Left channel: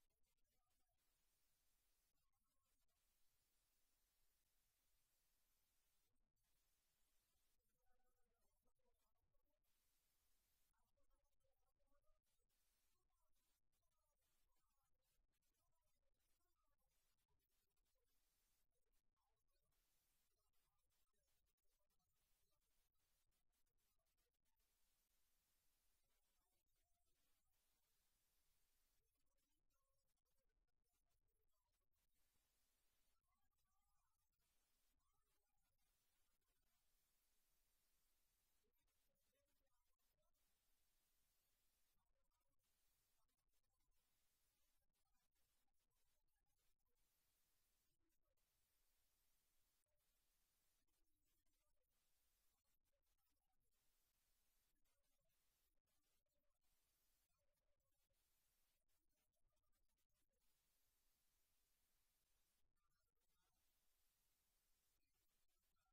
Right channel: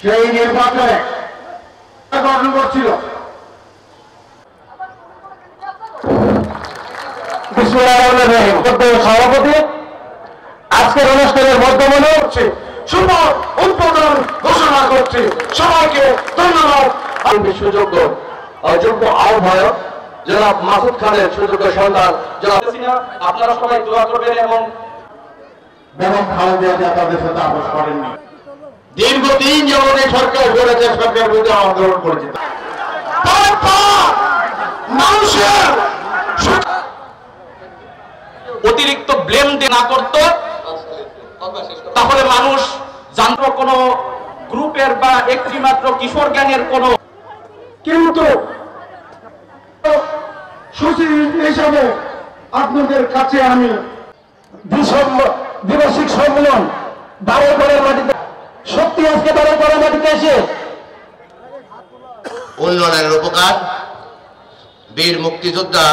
সেই নির্বাচনে গঠন করছিল। সভাপতি আজকের অনুষ্ঠানের মধ্যমনে হচ্ছে শুভ উদ্বোধন ঘোষণা করছে। সবাইকে ধন্যবাদ। সুযোগ্য অযোগ্য আহ্বায়ক জনাব মাসুদ খানের সুযোগ্য সন্তান জনাব, আপনারা সবাই দোয়া করবেন এবং বেগম খালেদা জিয়া তাদের সাথে আপোষ করেননি। দীর্ঘদিন যেমন এই সরকার করেছে, সরকার বিরুদ্ধে আন্দোলন করেছে, মানুষের অতিরিক্ত ব্লেম না করতো, তাহলে মানুষ জানতো কোন গ্রুপের বা একটি মাত্র কিশোর গ্যাংয়ের কোন। কিন্তু সচিব হিসাবে আপনাদের কাছে আমি দ্বিবার্ষিক সম্মেলন বারোঘরের মাটিতে সত্যি আজকে বারোঘরের মাটিতে এসে উন্নয়নের উপকার বীর মুক্তিযোদ্ধা